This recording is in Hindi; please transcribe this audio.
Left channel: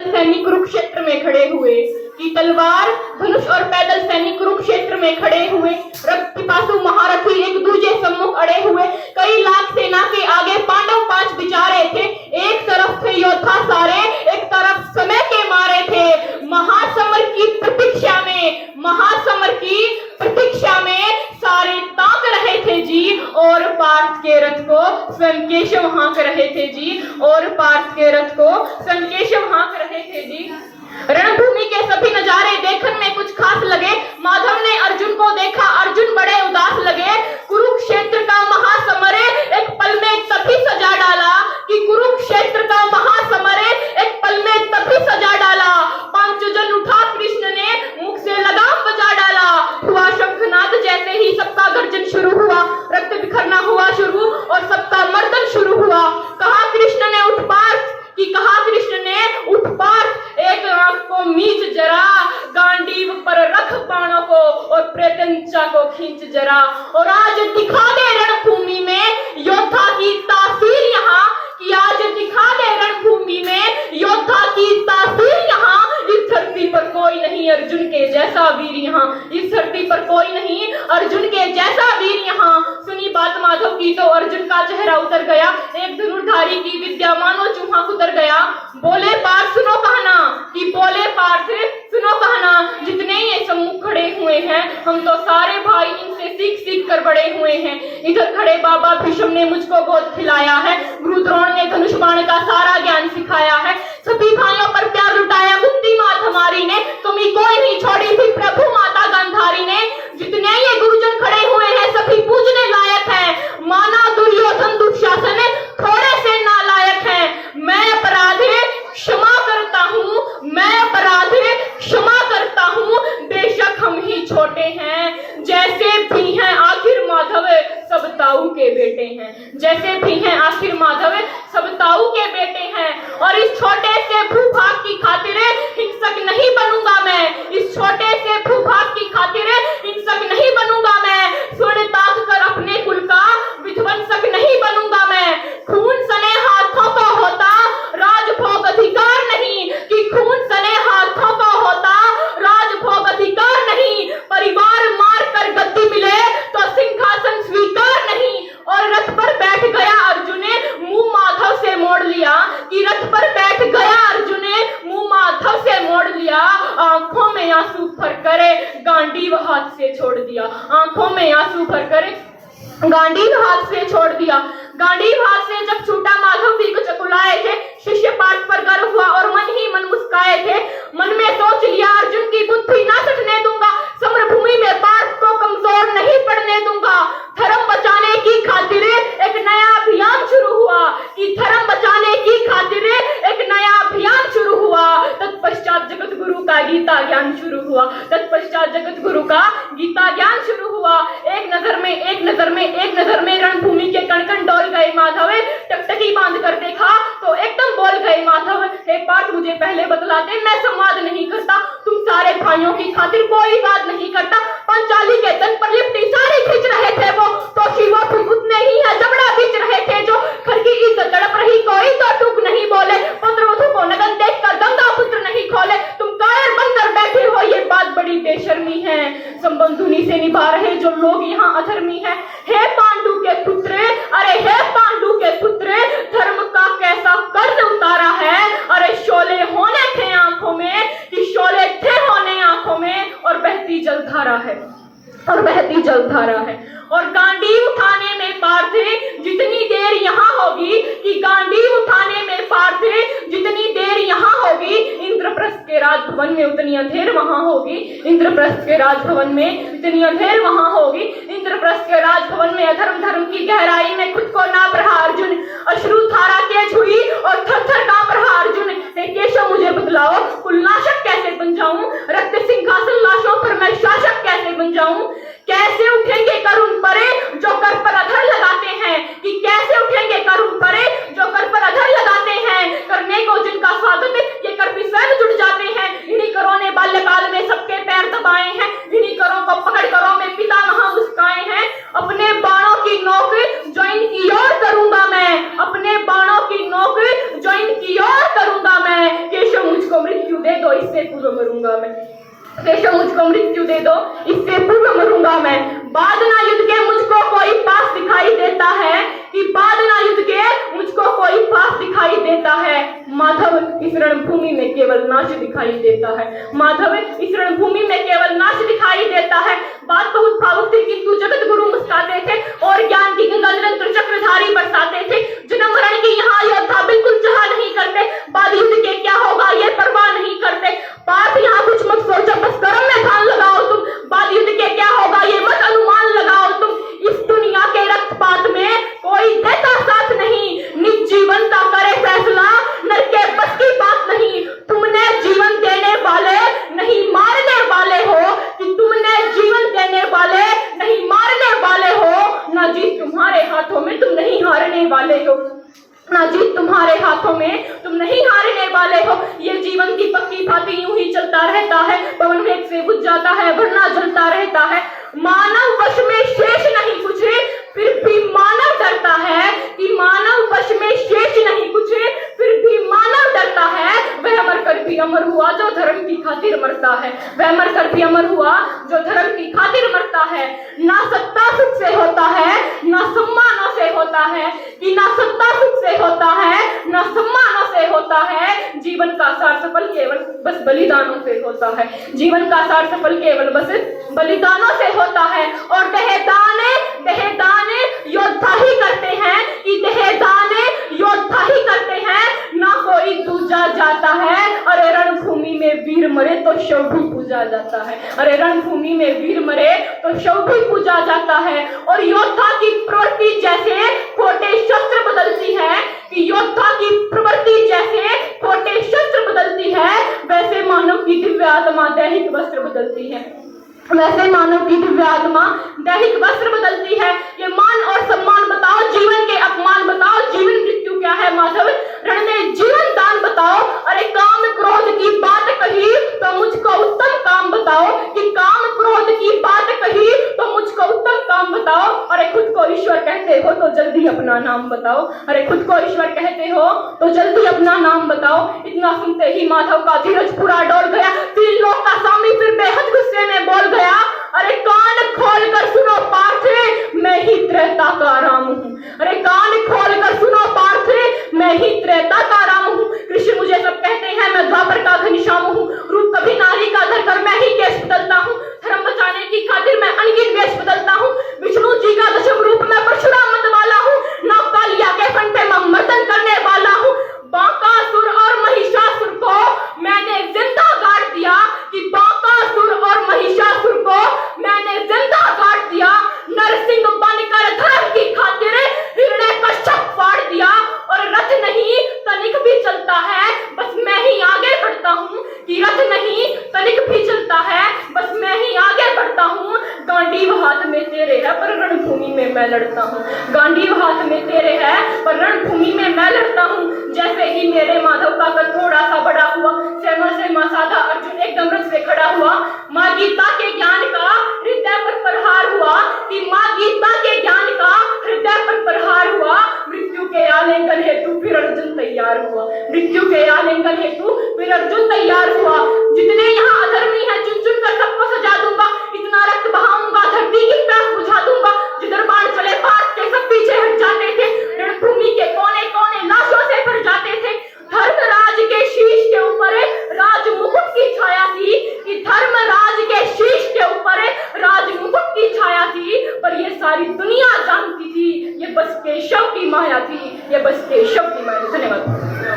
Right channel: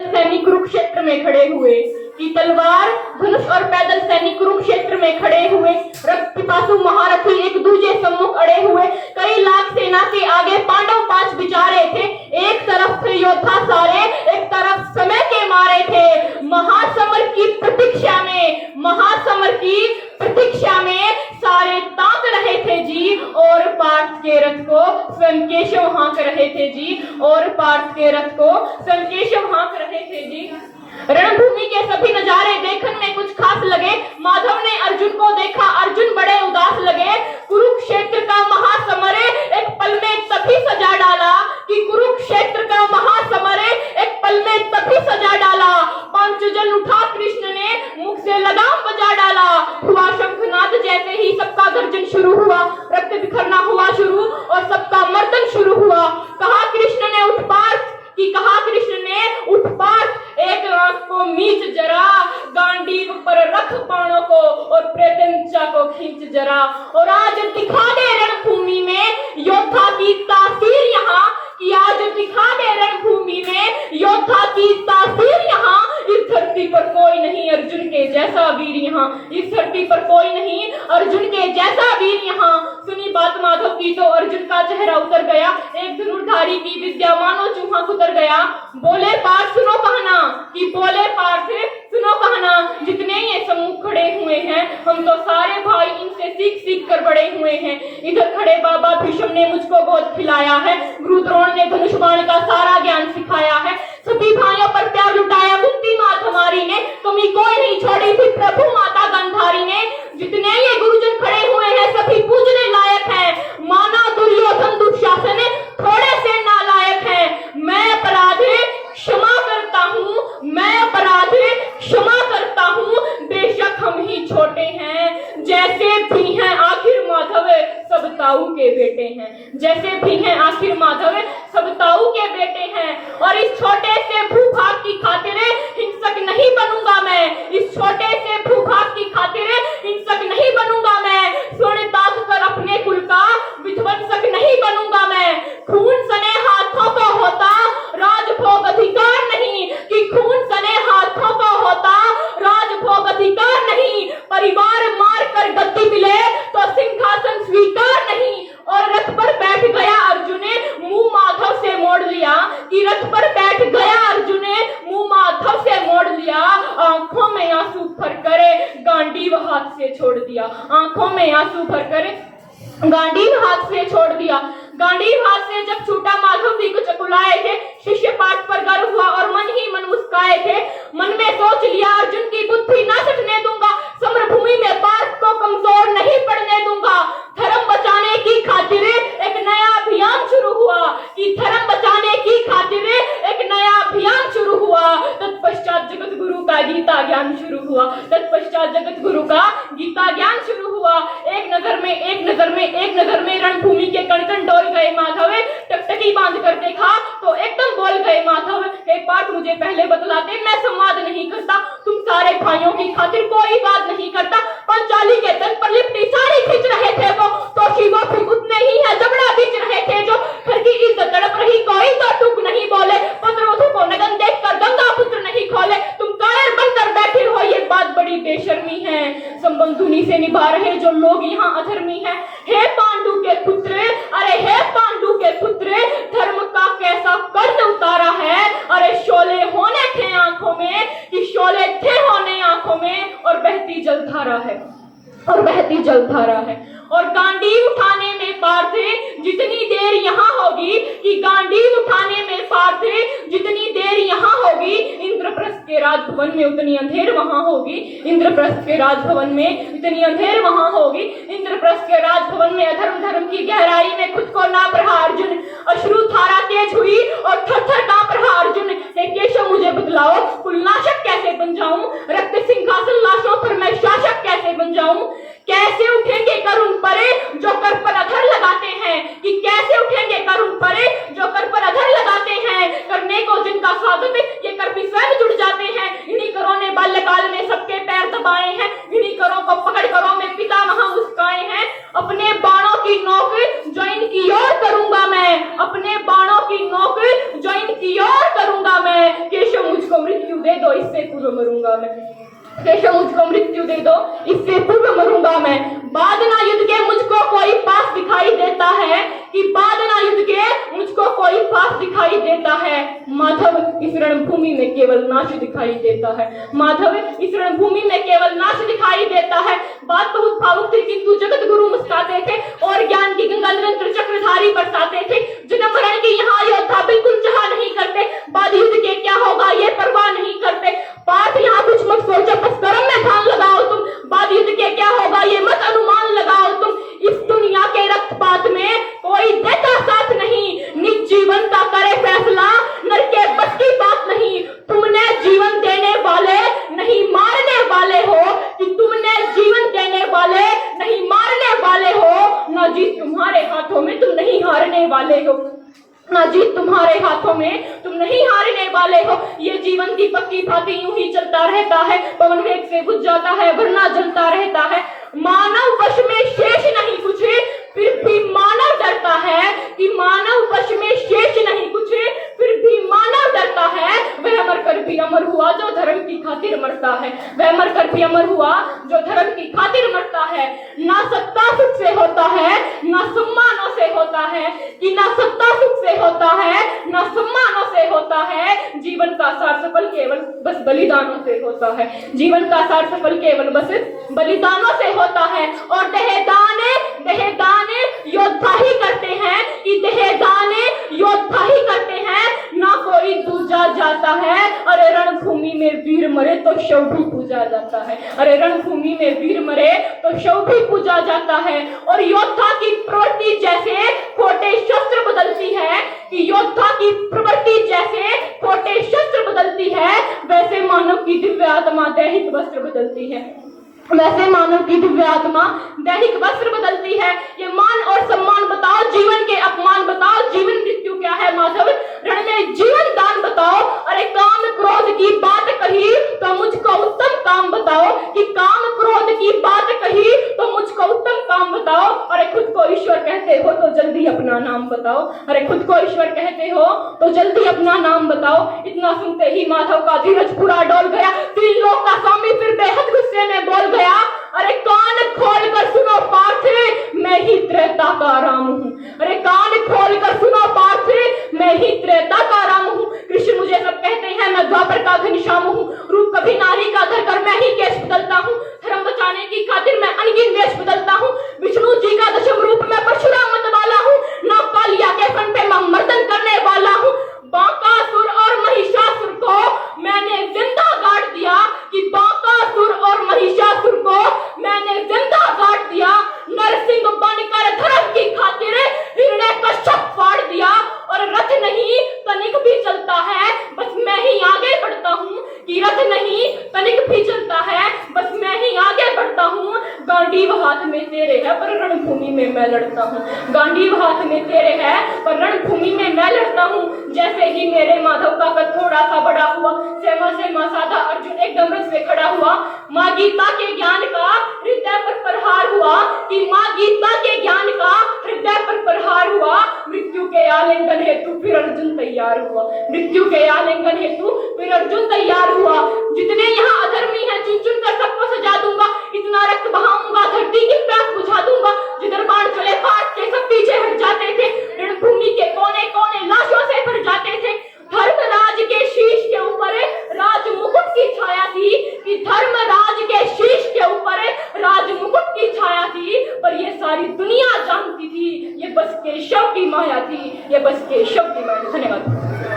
सैनिक कुरुक्षेत्र में खड़े हुए कि तलवार धनुष और पैदल सैनिक कुरुक्षेत्र में खड़े हुए, रक्त पिपासु महारथी एक दूजे सम्मुख अड़े हुए, कई लाख सेना के आगे पांडव 5 बिचारे थे। एक तरफ थे योद्धा सारे, एक तरफ समय के मारे थे। महासमर की प्रतीक्षा में, महासमर की प्रतीक्षा में सारे ताक रहे थे जी, और पार्थ के रथ को स्वयं केशव हाँक रहे थे जी, और पार्थ के रथ को स्वयं केशव हाँक रहे थे जी। रणभूमि के सभी नजारे देखने में कुछ खास लगे। माधव ने अर्जुन को देखा, अर्जुन बड़े उदास लगे। कुरुक्षेत्र का महासमर एक पल में तभी सजा डाला कि कुरुक्षेत्र का महासमर एक पल में तभी सजा डाला। पांचजन उठा कृष्ण ने मुख से लगाम बजा डाला। हुआ शंखनाद जैसे ही सबका गर्जन शुरू हुआ, रक्त बिखरना हुआ शुरू और सबका मर्दन शुरू हुआ। कहा कृष्ण ने उठ पार्थ, कि कहा कृष्ण ने उठ पार्थ, एक आंख को मीच जरा, गांडीव पर रख बाणों को और प्रेतंचा को खींच जरा। और आज दिखा दे रणभूमि में योद्धा की तासीर यहाँ, कि आज दिखा दे रणभूमि में योद्धा की तासीर यहाँ। इस धरती पर कोई नहीं अर्जुन के जैसा वीर यहाँ, इस धरती पर कोई नहीं अर्जुन के जैसा वीर यहाँ। सुनी बात माधव की तो अर्जुन का चेहरा उतर गया, एक धनुर्धारी की विद्या मानो चूहा उतर गया। बोले पार्थ सुनो कहना, कि बोले पार्थ सुनो कहना, जितने ये सम्मुख खड़े हुए हैं हम तो सारे भाई इनसे सीख सीख कर बड़े हुए हैं। इधर खड़े बाबा भीष्म ने मुझको गोद खिलाया है, गुरु द्रोण ने धनुष बाण का सारा ज्ञान सिखाया है। सभी भाइयों पर प्यार लुटाया कुंती माता हमारी ने, कमी कोई नहीं छोड़ी थी प्रभु माता गांधारी ने। जितने ये गुरुजन खड़े हुए हैं सभी पूजने लायक है, माना दुर्योधन दुशासन थोड़े से नालायक है। मैं अपराध क्षमा करता हूँ, मैं अपराध क्षमा करता हूँ, बेशक हम ही छोटे हैं, जैसे भी हैं आखिर माधव सब ताऊ के बेटे हैं, जैसे भी हैं आखिर माधव सब ताऊ के बेटे हैं। और इस छोटे से भूभाग की खातिर हिंसक नहीं बनूंगा मैं, इस छोटे से भूभाग की खातिर हिंसक नहीं बनूंगा मैं। स्वर्ण ताक कर अपने कुल का विध्वंसक नहीं बनूंगा मैं। खून सने हाथों को होता राजभोग अधिकार नहीं, कि खून सने हाथों को होता राजभोग अधिकार नहीं। परिवार मार कर गद्दी मिले तो सिंहासन स्वीकार नहीं। और रथ पर बैठ गया अर्जुन ने मुंह माधव से मोड़ लिया, कि रथ पर बैठ गया अर्जुन ने मुंह माधव से मोड़ लिया। आंखों में आंसू भर करे गांडीव हाथ से छोड़ दिया, आंखों में आंसू भर करे गांडीव हाथ से छोड़ दिया। गांडीव हाथ से जब छूटा माधव भी कुछ चकुलाए थे, शिष्य पाठ पर गर्व हुआ और मन ही मन मुस्काए थे। मन में सोच लिया अर्जुन की बुद्धि ना सटने दूंगा, समरभूमि में पार्थ को कमजोर नहीं पड़ने दूंगा। धर्म बचाने की खातिर एक नया अभियान शुरू हुआ, कि धर्म बचाने की खातिर एक नया अभियान शुरू हुआ। तत्पश्चात जगत गुरु का गीता ज्ञान शुरू हुआ, तत्पश्चात जगत गुरु का गीता ज्ञान शुरू हुआ। एक नजर में एक नजर में एक नजर में रणभूमि के कण कण डोल गए माधव। टकटकी बांध कर देखा तो एकदम बोल गए माधव, हे पार्थ मुझे पहले बतलाते, मैं संवाद नहीं करता, तुम सारे भाइयों की खातिर कोई बात नहीं करता। पंचाली के तन पर लिपटी साड़ी खींच रहे थे वो, तो शिवा भी उतने ही है जबड़ा खींच रहे थे जो। घर की इज्जत तड़प रही कोई तो टूक नहीं बोले, पुत्रवधू को नगन देख कर गंगा पुत्र नहीं खोले। तुम कायर बनकर बैठे हो, ये बात बड़ी बेशर्मी है। संबंध उन्हीं से निभा रहे जो लोग यहाँ अधर्मी है। हे पांडु के पुत्र, अरे हे पांडु के पुत्र, धर्म का कैसा कर्ज उतारा है। अरे शोले होने थे आंखों में, कि शोले थे होने आंखों में, और बहती जलधारा है, और बहती जलधारा है। और गांडीव उठाने में पार्थ जितनी देर यहाँ होगी, कि गांडीव उठाने में पार्थ जितनी देर यहाँ होगी, इंद्रप्रस्थ के राजभवन में उतनी अंधेर वहां होगी। इंद्रप्रस्थ के राजभवन में इतनी अंधेर वहां होगी। इंद्रप्रस्थ के राजभवन में अधर्म धर्म की गहराई में खुद को नाप रहा अर्जुन, अश्रु धारा तेज हुई और थर थर कांप रहा अर्जुन। हे केशव मुझे बतलाओ, कुलनाशक कैसे बन जाऊं, रक्त सिंहासन लाशों पर मैं शासक कैसे बन जाऊं। कैसे उठेंगे करुण परे जो कर पर अधर लगाते हैं, कि कैसे उठेंगे करुण परे जो कर पर अधर लगाते हैं। करने को जिनका स्वागत ये कर भी स्वयं जुड़ जाते हैं। इन्हीं करों ने बाल्यकाल में सबके पैर दबाए हैं, इन्हीं करों को पकड़ करों में पितामह मुस्काए हैं। अपने बाणों की नोक जो इनकी ओर करूंगा मैं, अपने बाणों की नोक जो इनकी ओर करूंगा मैं। मुझको मृत्यु दे दो, इससे पूर्व मरूंगा मैं। बेशक मुझको मृत्यु दे दो, इससे पूर्व मरूंगा मैं। बाद ना युद्ध के मुझको कोई पास दिखाई देता है, कि बाद ना युद्ध के मुझको कोई पास दिखाई देता है। माधव इस रणभूमि में केवल नाश दिखाई देता है। माधव इस रणभूमि में केवल नाश दिखाई देता है। बात बहुत भावुक थी, किंतु जगत गुरु मुस्कुराते थे और ज्ञान की गंगा निरंतर चक्रधारी बरसाते थे। जन्म मरण की यहाँ योद्धा बिल्कुल चाह नहीं करते, बाद युद्ध के क्या होगा ये परवाह नहीं करते। पार्थ यहाँ कुछ मत सोचो, बस कर्म में ध्यान लगाओ तुम। बाद युद्ध के क्या होगा ये मत अनुमान लगाओ तुम। इस दुनिया के रक्तपात में कोई देता साथ नहीं, निज जीवन का करे फैसला, नर के बस की बात नहीं। तुमने जीवन देने वाले नहीं मारने वाले हो, कि तुमने जीवन देने वाले नहीं मारने वाले हो। ना जीत तुम्हारे हाथों में, तुम नहीं हारने वाले हो। ना जीत तुम्हारे हाथों में, तुम नहीं हारने वाले हो। ये जीवन दीपक की भांति यूं ही चलता रहता है, पवन वेग से बुझ जाता है, वरना जलता रहता है। मानव वश में शेष नहीं कुछ, फिर भी मानव डरता है, कि मानव वश में शेष नहीं कुछ, फिर भी मानव डरता है। वह मर कर भी अमर हुआ जो धर्म की खातिर मरता है। वह मर कर भी अमर हुआ जो धर्म की खातिर मरता है। ना सत्ता सुख से होता है, ना सम्मानों से होता है, कि ना सत्ता सुख से होता है, ना सम्मानों से होता है। जीवन का सार सफल केवल बस बलिदानों से होता है। जीवन का सार सफल केवल बस बलिदानों से होता है। और देहदाने योद्धा ही करते हैं, कि देहदाने योद्धा ही करते हैं, ना कोई दूजा जाता है। अरे रणभूमि में वीर मरे तो शव भी पूजा जाता है। अरे रणभूमि में वीर मरे तो शव भी पूजा जाता है। और योद्धा की प्रवृत्ति जैसे खोटे शस्त्र बदलती है, कि योद्धा की प्रवृत्ति जैसे खोटे शस्त्र बदलती है, वैसे मानव की दिव्य आत्मा दैहिक वस्त्र बदलती है। वैसे मानव की दिव्य आत्मा दैहिक वस्त्र बदलती है। ये मान और सम्मान बताओ, जीवन के अपमान बताओ, जीवन मृत्यु क्या है माधव, रण में जीवन दान बताओ। अरे काम क्रोध की बात कही तो मुझको उत्तम काम बताओ, कि काम क्रोध की बात कही तो मुझको उत्तम काम बताओ। अरे खुद को ईश्वर कहते हो तो जल्दी अपना नाम बताओ। अरे खुद को ईश्वर कहते हो तो जल्दी अपना नाम बताओ। इतना सुनते ही माधव का धीरज पूरा डोल गया। तीन लोग का स्वामी फिर बेहद गुस्से में बोल गया, अरे कान खोल कर सुनो पार्थ, मैं ही त्रेता का राम हूँ। अरे कान खोल कर सुनो पार्थ, मैं ही त्रेता का राम हूँ। कृष्ण मुझे सब कहते हैं, मैं द्वापर का घनश्याम हूँ। रूप कभी नारी का धरकर मैं ही केश बदलता हूँ। धर्म बचाने की खातिर मैं अनगिन वेश बदलता हूँ। विष्णु जी का दशम रूप मैं परशुराम मत वाला हूँ। नवकालिया के फन पे मैं मर्दन करने वाला हूँ। बांकासुर और महिषासुर को मैंने जिंदा गाड़ दिया, कि बांकासुर और महिषासुर को मैंने जिंदा गाड़ दिया। नरसिंह बनकर धर्म की खातिर हिरण्य कश्यप फाड़ दिया। और रथ नहीं तनिक भी चलता है, बस मैं ही आगे बढ़ता हूँ, कि रथ नहीं तनिक भी चलता है, बस मैं ही आगे बढ़ता हूँ। गांडीव हाथ में तेरे है पर रणभूमि में मैं लड़ता हूँ। गांडीव हाथ में तेरे है पर रणभूमि में मैं लड़ता हूँ। जैसे ही मेरे माधव का कद थोड़ा सा बड़ा हुआ, सेमा साधा अर्जुन एकदम रथ से खड़ा हुआ। माँ गीता के ज्ञान का हृदय पर प्रहार हुआ, कि माँ गीता के ज्ञान का हृदय पर प्रहार हुआ। मृत्यु के आलिंगन हेतु फिर अर्जुन तैयार हुआ। मृत्यु के आलिंगन हेतु फिर अर्जुन तैयार हुआ। जितने यहाँ अधर्मी हैं चुन चुन कर सबको सजा दूंगा। इतना रक्त बहाऊंगा धरती की प्यास बुझा दूंगा। जिधर बाण चले पार्थ के सब पीछे हट जाते थे। रणभूमि के कोने कोने लाशों से भर जाते थे। धर्मराज के शीश के ऊपर राज मुकुट की छाया थी, कि धर्मराज के शीश के ऊपर राज मुकुट की छाया थी। पर ये सारी दुनिया जानती थी ये बस केशव की माया थी, ये बस केशव की माया। धन्यवाद।